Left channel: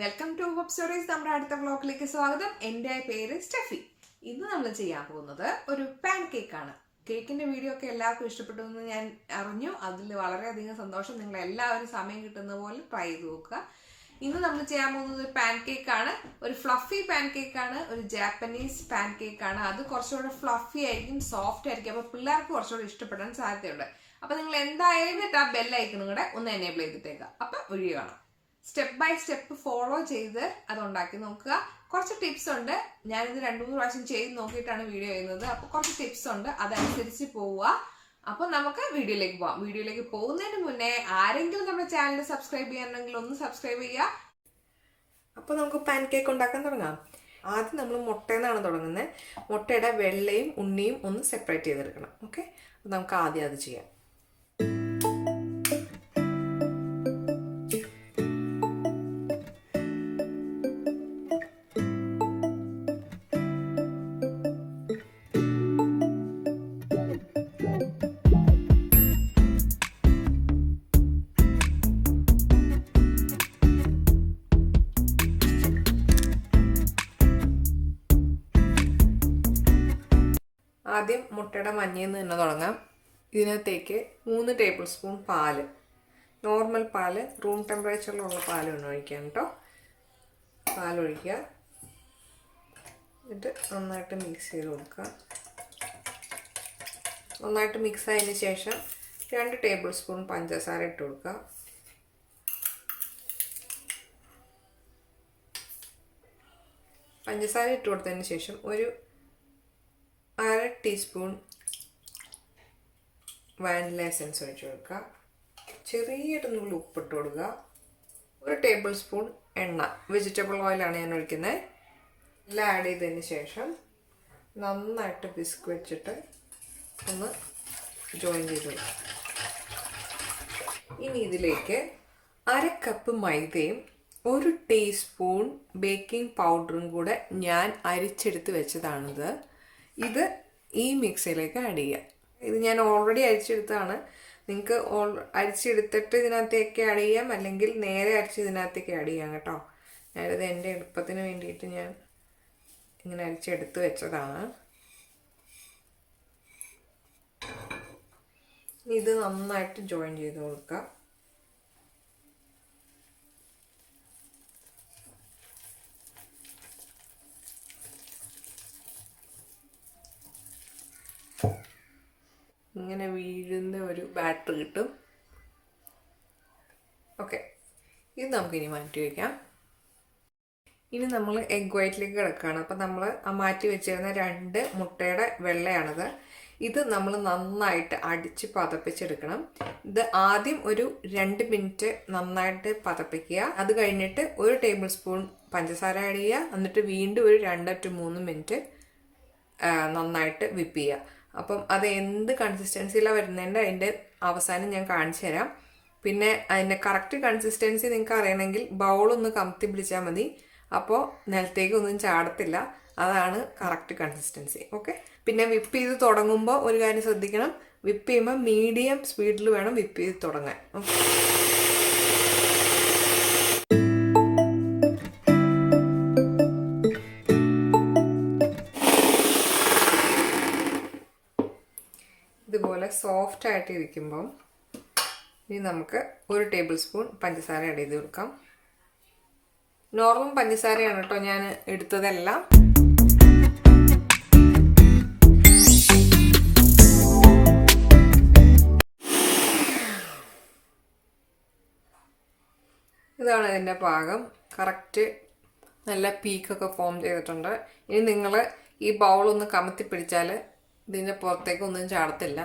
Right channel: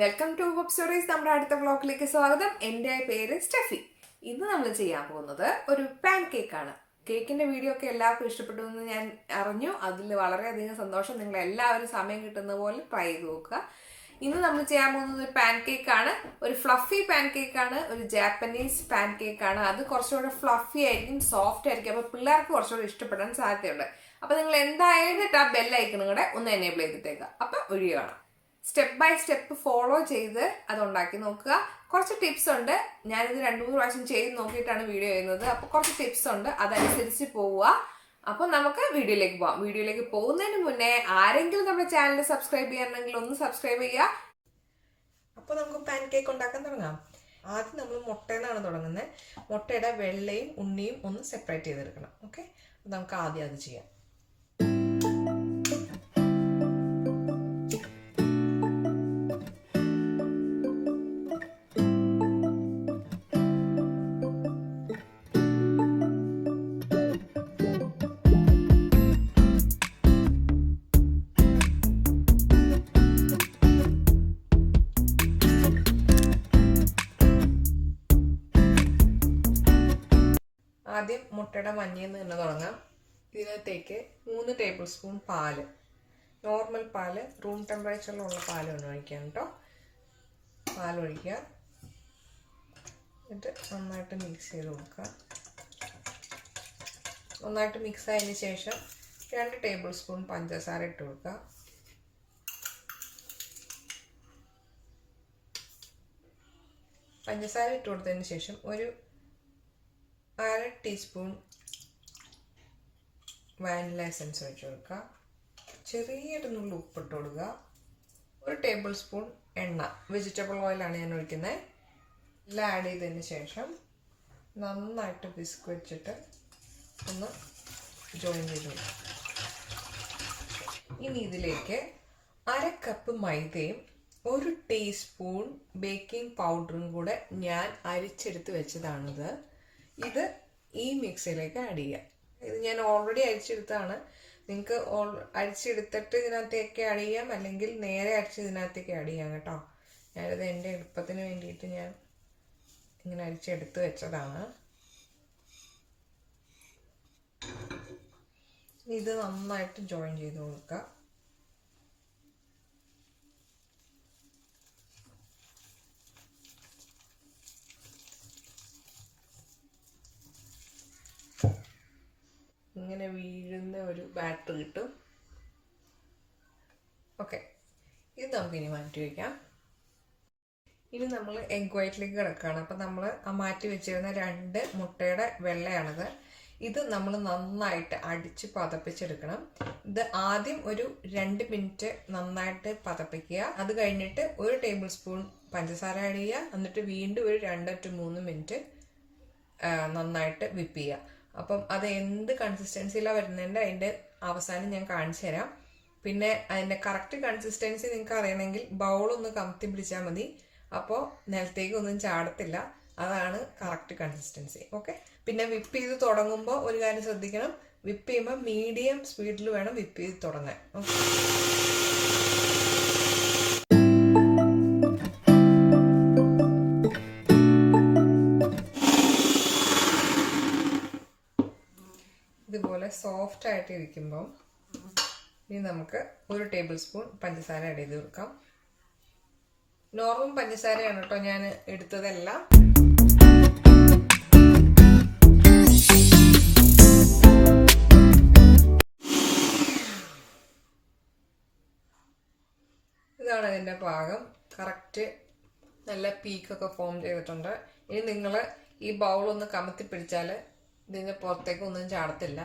Welcome to web stories. നമ്മുടെ അടുത്ത വ്ളോഗിലേക്ക് സ്വാഗതം. എൻ്റെ പേര് സ്റ്റെഫി. ഇന്ന് നമ്മൾ ചെയ്യാൻ പോകുന്നത് ഒരു പാൻ കേക്കാണ്. കേക്കിന്റെ വീഡിയോ ഒക്കെ എല്ലാവർക്കും ഇഷ്ടപ്പെട്ടു എന്ന് ഞാൻ അറിഞ്ഞു. അതിൽ വളരെയധികം സന്തോഷം. നിങ്ങൾ എല്ലാവരും സമയം കിട്ടുന്ന പോലെ ട്രൈ ചെയ്ത് നോക്കുക. ഇന്ന് നമ്മൾ ചെയ്യാൻ പോകുന്നത് ഒരു പാൻ കേക്കാണ്. ഒരു ഫ്ലഫി പാൻ കേക്കാണ്, ഒരു ജാപ്പനീസ് പാൻ കേക്കാണ്. അത് കുറച്ചുകൂടെ ഫ്ലഫി ആയിരിക്കും, സോഫ്റ്റ് ആയിരിക്കും. അപ്പൊ പിള്ളേർക്ക് കുറച്ചുകൂടെ ഇഷ്ടപ്പെടാൻ സാധ്യതയുണ്ട്. അപ്പൊ നിങ്ങൾ എന്തായാലും ആ ബെല്ലൈക്കണും കൂടെ ഒന്ന് എനേബിൾ ചെയ്തിട്ടേക്കുക. അപ്പൊ വീഡിയോ കാണാം. സ്റ്റെപ്പ് ബൈ സ്റ്റെപ്പ് ഫോളോ ചെയ്ത് അത് ഉണ്ടാക്കി നോക്കുക. കുറച്ച് ടിപ്സ് ഉണ്ട്. ഞാനിത് 2-3 പ്രാവശ്യം ചെയ്ത് നോക്കിയിട്ടാണ് വീഡിയോ ചെയ്യുന്നത്. അപ്പൊ കുറച്ച് ടിപ്സ് ഉണ്ട്, അതനുസരിച്ച് പോവുക. അപ്പൊ നമുക്ക് വീഡിയോയിലേക്ക് പോവാം. വീഡിയോയിലേക്ക് പോകുന്നതിന് മുന്നേ ആരെങ്കിലും നമ്മുടെ ചാനൽ സബ്സ്ക്രൈബ് ചെയ്യാനെങ്കിൽ ഒന്ന് സബ്സ്ക്രൈബ് ചെയ്യുക. അപ്പൊ നമുക്ക് പാൻ കേക്ക് ഉണ്ടാക്കാൻ തുടങ്ങാം. ആദ്യം നമ്മൾ മുട്ടയെന്നാണ് തുടങ്ങുന്നത്. മുട്ടയുടെ വെള്ളയും ഉണ്ണിയും ഒന്ന് സെപ്പറേറ്റ് ചെയ്തെടുക്കണം. ഓക്കെ, നമുക്ക് ആദ്യം അത് ചെയ്യാം. ആദ്യം മുട്ടയുടെ മഞ്ഞയിൽ നിന്ന് തന്നെ തുടങ്ങാം. ഇതിനകത്തേക്ക് 3 ടേബിൾ സ്പൂൺ പാല്, നോർമൽ പാല്, റൂം ടെമ്പറേച്ചറിലുള്ള പാല് വേണം ഒഴിക്കാൻ കേട്ടോ. പാലൊഴിക്കുക, എന്നിട്ട് നന്നായിട്ട് മിക്സ് ചെയ്ത് കൊടുക്കുക. നന്നായിട്ട് മിക്സ് ആയതിന് ശേഷം 2 ടേബിൾ സ്പൂൺ പഞ്ചസാര ഇട്ട് കൊടുക്കുക. പഞ്ചസാര ഇട്ട് കൊടുത്തതിന് ശേഷം ഒരു 1/2 ടീസ്പൂൺ വാനില എസൻസ് ഒഴിച്ച് കൊടുക്കുക. ചെറിയൊരു നുള്ളി ഉപ്പിട്ട് കൊടുക്കുക. 1 ടേബിൾ സ്പൂൺ എണ്ണ, വെജിറ്റബിൾ ഓയിലാണ് ഞാൻ ഒഴിക്കുന്നത്. എല്ലാം ആഡ് ചെയ്തതിന് ശേഷം നന്നായിട്ട് വിസ്ക് വെച്ചിട്ട് ഒന്ന് ജോയിൻ ചെയ്ത് കൊടുക്കുക. ഇനി ഇതിലേക്ക് 1/2 കപ്പ് മൈദയും 1 ടീസ്പൂൺ ബേക്കിംഗ് പൗഡറും കൂടെ ഞാൻ അരിച്ചെടുത്ത് വെച്ചതാണിത്. ഇത് ഈ മിക്സിയിലേക്ക് ആഡ് ചെയ്യുക. ഇത് ഞാൻ ഓൾറെഡി അരിച്ചെടുത്തതാണ്. നിങ്ങൾക്ക് അരിച്ചെടുത്തിട്ട് ഇതിനകത്തേക്ക് ആഡ് ചെയ്യാം, അല്ലെങ്കിൽ നേരെ അരിച്ച് ഇതിനകത്തേക്ക് ആഡ് ചെയ്യാം കേട്ടോ. ഞാനിത് എൻ്റെ എളുപ്പത്തിന് വേണ്ടിയിട്ട് ഞാൻ ഇങ്ങനെ അരിച്ചെടുത്ത് വെച്ചതാണ്. ഇത് നന്നായിട്ട് ജോയിൻ ചെയ്ത് കൊടുക്കുക. ഇങ്ങനെ വീഴുന്ന ഒരു ബാറ്റർ കിട്ടും. ഓക്കെ, ഇത് നമുക്കിനി മാറ്റി വയ്ക്കാം. ഇനി നമ്മൾ എഗ് വൈറ്റിലേക്ക് കിടക്കുകയാണ്. അപ്പം നമ്മൾ മാറ്റി വെച്ചിരുന്ന 2 മുട്ടയുടെ വെള്ളയാണിത്. ഇത് നമ്മൾ നന്നായിട്ട് അടിച്ച് പതപ്പിച്ചെടുക്കണം. ഇത് ആദ്യം ഒരു 2 മിനിറ്റ് നന്നായിട്ട് പതപ്പിക്കുക. അത് കഴിഞ്ഞിട്ട് 1 ടേബിൾ സ്പൂൺ പഞ്ചസാര ആഡ് ചെയ്യുക. എന്നിട്ട് വീണ്ടും ഒരു 2 to 3 മിനിറ്റ് നന്നായിട്ട് വിപ്പ് ചെയ്യുക. അപ്പം അത് എന്ത് കൺസിസ്റ്റൻസിയിലാണ് വരുന്നതിൻ്റെ അതിൻ്റെ അവസാനം ഞാൻ കാണിച്ചു തരാം. പിന്നെ അതിൻ്റെ കറക്റ്റ് കൺസിസ്റ്റൻസി നിങ്ങൾക്ക് അറിയണമെങ്കിൽ ബൗളൊന്ന് കമത്തി പിടിച്ചാൽ മതി. അപ്പോൾ നിലത്തേക്ക് ഒന്നും ചാടത്തില്ല. അതാണ് കറക്റ്റ് കൺസിസ്റ്റൻസി. ഓക്കെ, പിന്നെ വിപ്പ് ചെയ്ത് തുടങ്ങുമ്പോൾ ഒരു കാര്യം ശ്രദ്ധിക്കണം. വിപ്പ് ചെയ്യുമ്പോൾ മീഡിയം സ്പീഡിൽ വേണം വിപ്പ് ചെയ്ത് തുടങ്ങാൻ. ഓക്കെ, ഇതുപോലെ സോഫ്റ്റ് ആയിട്ട് ഇരിക്കുമ്പം ഇനി നമുക്ക് 1 ടേബിൾ സ്പൂൺ പഞ്ചസാര ആഡ് ചെയ്ത് കൊടുക്കാം. നോർമൽ പഞ്ചസാരയാണ് കേട്ടോ ഞാൻ എടുത്തതെല്ലാം. ഇതാണ് ഇതിൻ്റെ പാകം. കറക്റ്റ് നല്ല പീക്കൊക്കെ ഫോം ചെയ്തിട്ടുണ്ട്. ഇനി നിങ്ങൾ ഈ ബൗളൊന്ന് കമത്തി പിടിച്ചാൽ ഇതിൻ്റെ പുറത്തേക്കൊന്നും ചാടത്തില്ല,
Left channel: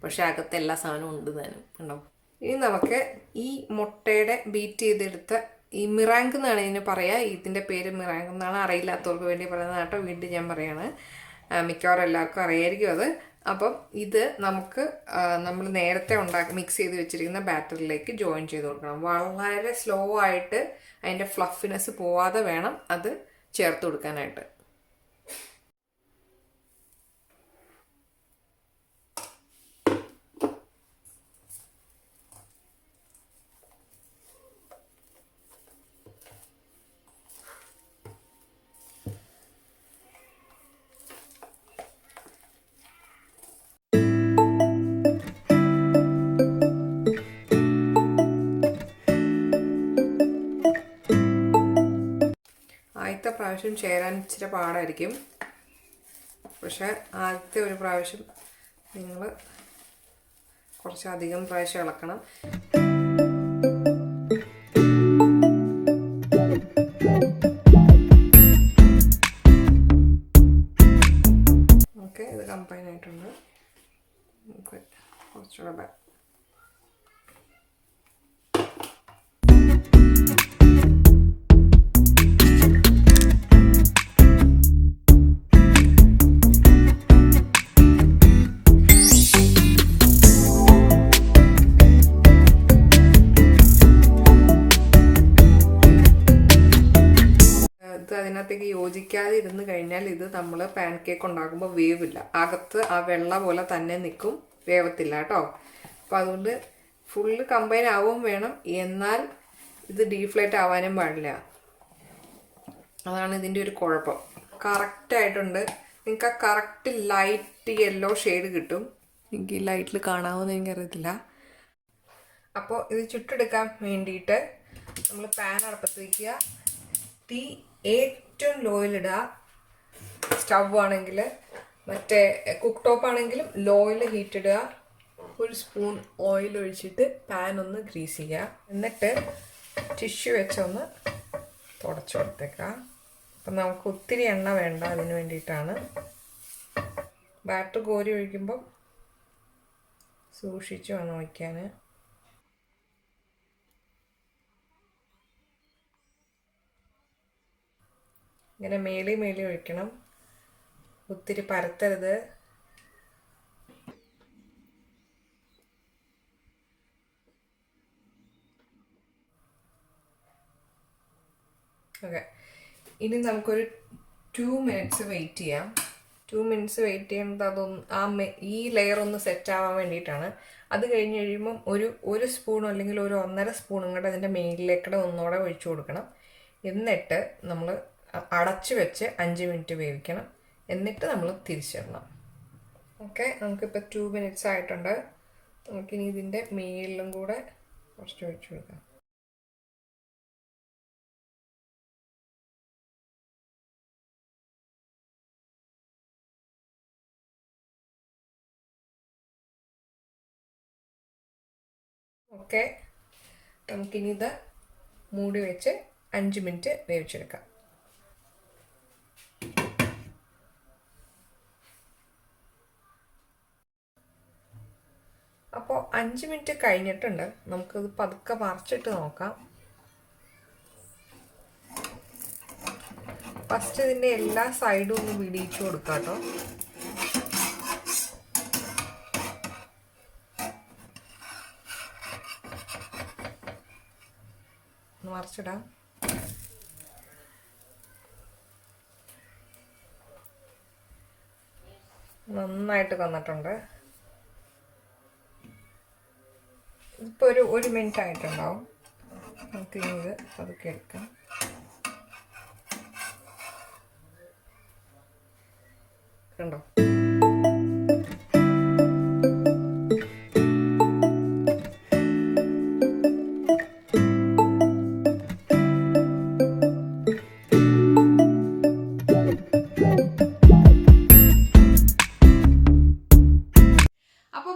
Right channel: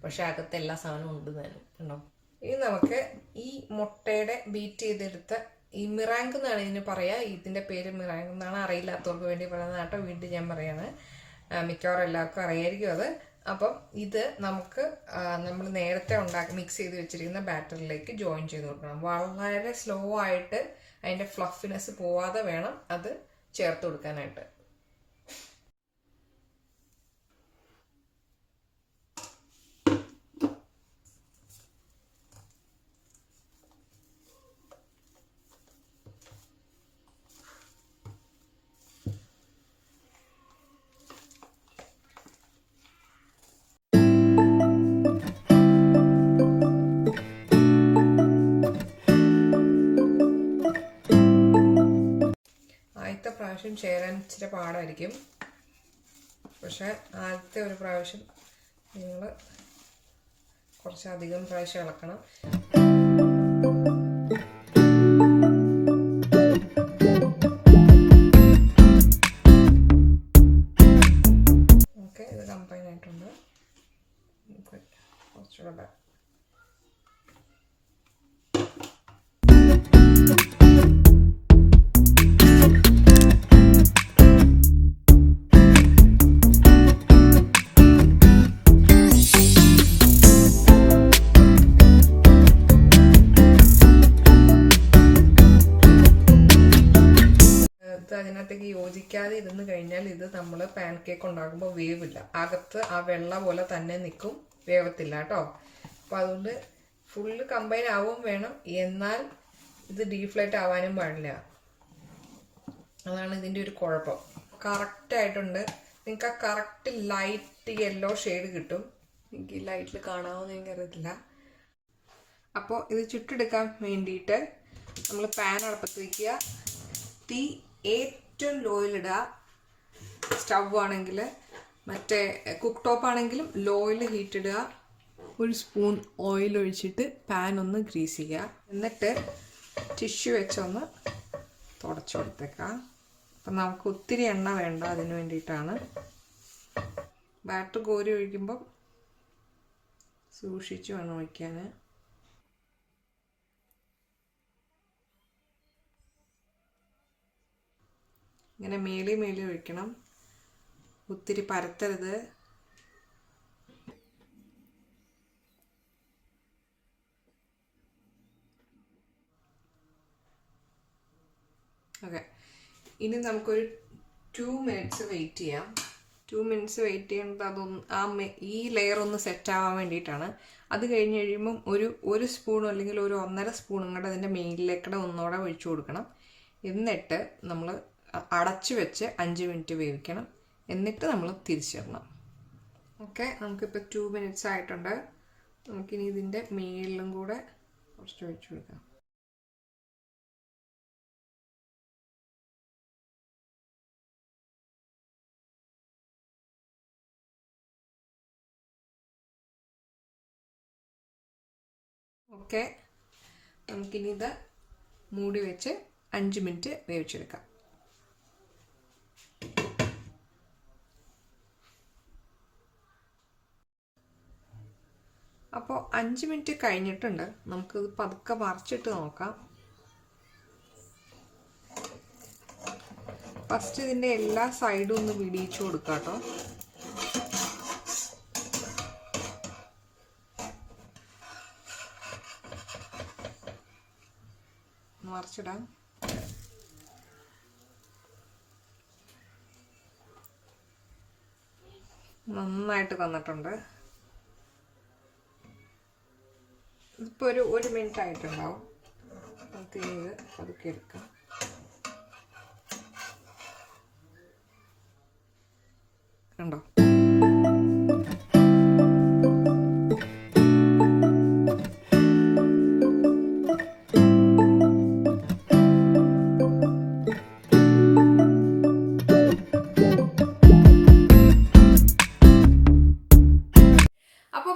പക്ഷെ അകത്ത് എല്ലാ സാധനവും ഉണ്ട് താനും ഉണ്ടാവും. ഇനി നമുക്ക് ഈ മുട്ടയുടെ ബീറ്റ് ചെയ്തെടുത്ത ഈ മിറാങ്ക് എന്നാണ് ഇതിന് പറയുക. ഇതിൻ്റെ പേര് മിറാങ്ക് എന്നാണ്. അറിയില്ലാത്തവർക്ക് വേണ്ടി പറയുന്നത് കേട്ടോ. വീണ്ടും ഞാൻ പറയാണ്, മിക്കവാറും എല്ലാവർക്കും അറിയായിരിക്കും അത്. അപ്പം ഇത് നമുക്ക് നമ്മൾ നേരത്തെ മിക്സ് ചെയ്ത് വെച്ചിരിക്കുന്ന ബാറ്ററിലേക്ക് ജോയിൻ ചെയ്ത് കൊടുക്കണം. വളരെ സ്ലോ ആയിട്ട് അതിൻ്റെ ഫ്ലഫിനെസ് പോവാതെ വേണം അത് ചേർത്ത് കൊടുക്കാനായിട്ട്. ചേരാൻ ഇച്ചിരി പാടായിരിക്കും. പക്ഷെ ആദ്യത്തെ ഒരു പ്രാവശ്യം നിങ്ങൾ കുറച്ചധികം പ്രാവശ്യം ഇളക്കണം. ഓക്കെ, ഇത് കമ്പൈൻ ആയിട്ടുണ്ട്. നമുക്ക് കുറച്ചുകൂടെ അതിനകത്തേക്ക് യോജിക്കാതെ ഇരുന്ന് കഴിഞ്ഞാൽ ഇത് നമ്മൾ പാൻ കേക്ക് ഉണ്ടാക്കുമ്പോൾ വേവില്ല. അകത്ത് ആ വെള്ള പോലെ തന്നെ നിൽക്കും, വേവത്തില്ല കേട്ടോ. അപ്പം അതുകൊണ്ട് ഫുള്ള് കമ്പൈൻ ആവും വേണം, എന്നാൽ ഇത് ഡീഫ്ലേറ്റ് ആവാനും പാടില്ല. അതാണ് ഇതിൻ്റെ ഒരു കുഴപ്പം. കറക്റ്റായിട്ടുണ്ട്. നിങ്ങൾക്ക് ആ കറക്റ്റ് ലൈറ്റ് യെല്ലോ ഷെയ്ഡ് കിട്ടും. എനിക്ക് ഈ ലൈറ്റിൽ കാണാമെന്ന് എനിക്കറിയത്തില്ല. അപ്പോൾ ഇത് ചുട്ടെടുക്കാൻ വേണ്ടിയിട്ട് നമ്മൾ പാൻ അടുപ്പത്ത് വയ്ക്കുക. തീ ഏറ്റവും ലോയിലിടുക. സ്റ്റവ് ആണെങ്കിൽ മറ്റേ കുക്ക് ടോപ്പ് ആണെങ്കിലും ലോയിൽ ഹീറ്റ് ഇടുക. ഒരു സ്പൂൺ ഓയിൽ ഒഴിച്ചിട്ട് പാൻ ഒന്ന് ഗ്രീസ് ചെയ്യുക. എന്നിട്ട് ടിഷ്യൂ വെച്ചൊന്ന് തുടച്ചു കൊടുത്തേക്കാം. അപ്പം നമുക്ക് ഒത്തിരി എണ്ണ വേണ്ട, അതിന് വേണ്ടിയിട്ടാണ്. ബാറ്റർ കോരി ഒഴിക്കുമ്പം സൂക്ഷിച്ച് വേണം ഒഴിക്കാൻ. ഇങ്ങനെ മേളി ഒഴിക്കണം, ഒത്തിരി പരത്തരുത്. ഓക്കെ, ഇനി നമുക്കൊരു 2 മിനിറ്റ്സ് വെയിറ്റ് ചെയ്യാം. 2 മിനിറ്റ്സ് വെയിറ്റ് ചെയ്യുന്നത് അതൊന്ന് ഈ ലെയർ ഒന്ന് സെറ്റ് ആവാൻ വേണ്ടിയിട്ടാണ്. അത് കഴിഞ്ഞ് കഴിയുമ്പം ഒരു സ്പൂൺ അല്ലെങ്കിൽ ഒരു 1.5 സ്പൂണും കൂടെ അതിൻ്റെ മേലിലേക്കൂടെ ഒന്നുകൂടെ ഒഴിച്ചു കൊടുക്കണം. എന്നിട്ട് നമ്മൾ അടച്ചു വെച്ച് 5 മിനിറ്റ് വേവിക്കണം. എന്നിട്ട് നമ്മൾ തിരിച്ചിടണം. ഓക്കെ, നമുക്കിപ്പോൾ 2 മിനിറ്റ്സ് ആയിട്ടുണ്ട്. നമുക്കിനി ഇതിൻ്റെ മേളിലും കൂടെ കുറച്ച് ഒഴിച്ചു കൊടുക്കാം. ഓക്കെ, നമുക്കിനി ഇത് മൂടി വെച്ച് 5 മിനിറ്റ് വേവിച്ചെടുക്കാം. അപ്പോൾ 5 മിനിറ്റ് കഴിഞ്ഞിട്ടുണ്ട്. നമുക്കത് പതുക്കെ മറിച്ചിട്ട് നോക്കാം. ഫസ്റ്റ് ഇതിൻ്റെ എല്ലാ സൈഡും ഒന്ന് വിടിയിച്ചു കൊടുക്കാം കേട്ടോ. മറിച്ചിടാം. നന്നായിട്ട് വന്നിട്ടുണ്ട്. ഇപ്പോൾ ഒരു മിനിറ്റ് ആയിട്ടുണ്ടാവും. നമുക്ക് ഇനി ഇത് പതുക്കെ എടുക്കാം. കണ്ടോ?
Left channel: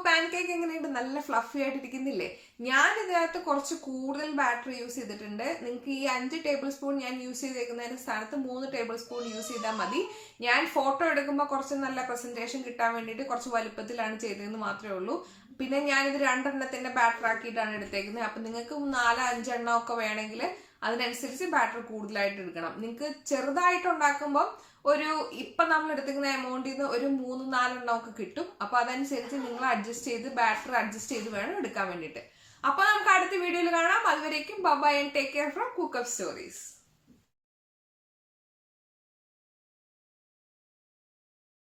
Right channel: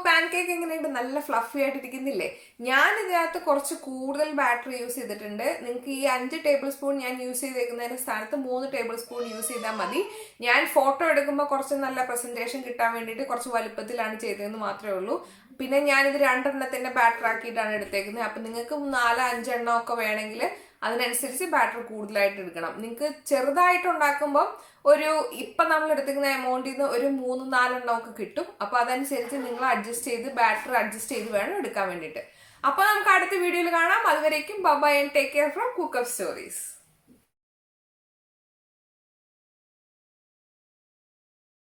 പാൻകേക്ക് എങ്ങനെയുണ്ട്? നല്ല ഫ്ലഫി ആയിട്ടിരിക്കുന്നില്ലേ? ഞാൻ ഇതിനകത്ത് കുറച്ച് കൂടുതൽ ബാറ്റർ യൂസ് ചെയ്തിട്ടുണ്ട്. നിങ്ങൾക്ക് ഈ 5 ടേബിൾ സ്പൂൺ ഞാൻ യൂസ് ചെയ്തേക്കുന്നതിന് സ്ഥാനത്ത് 3 ടേബിൾ സ്പൂൺ യൂസ് ചെയ്താൽ മതി. ഞാൻ ഫോട്ടോ എടുക്കുമ്പോൾ കുറച്ച് നല്ല പ്രസന്റേഷൻ കിട്ടാൻ വേണ്ടിയിട്ട് കുറച്ച് വലുപ്പത്തിലാണ് ചെയ്തതെന്ന് മാത്രമേ ഉള്ളൂ. പിന്നെ ഞാനിത് 2 എണ്ണത്തിന്റെ ബാറ്റർ ആക്കിയിട്ടാണ് എടുത്തേക്കുന്നത്. അപ്പം നിങ്ങൾക്ക് 4-5 എണ്ണം ഒക്കെ വേണമെങ്കിൽ അതിനനുസരിച്ച് ബാറ്റർ കൂടുതലായിട്ട് എടുക്കണം. നിങ്ങൾക്ക് ചെറുതായിട്ട് ഉണ്ടാക്കുമ്പോൾ ഇപ്പം നമ്മൾ എടുത്തിരിക്കുന്ന എമൗണ്ടിൽ നിന്ന് ഒരു 3-4 എണ്ണം ഒക്കെ കിട്ടും. അപ്പോൾ അതനുസരിച്ച് നിങ്ങൾ ബാറ്റർ അഡ്ജസ്റ്റ് ചെയ്ത് വേണം എടുക്കാൻ വേണ്ടിയിട്ട്. അപ്പോൾ നമുക്ക് അടുത്ത വീഡിയോയിൽ കാണാം. അതുവരേക്കും bye and take care from Cookup stories.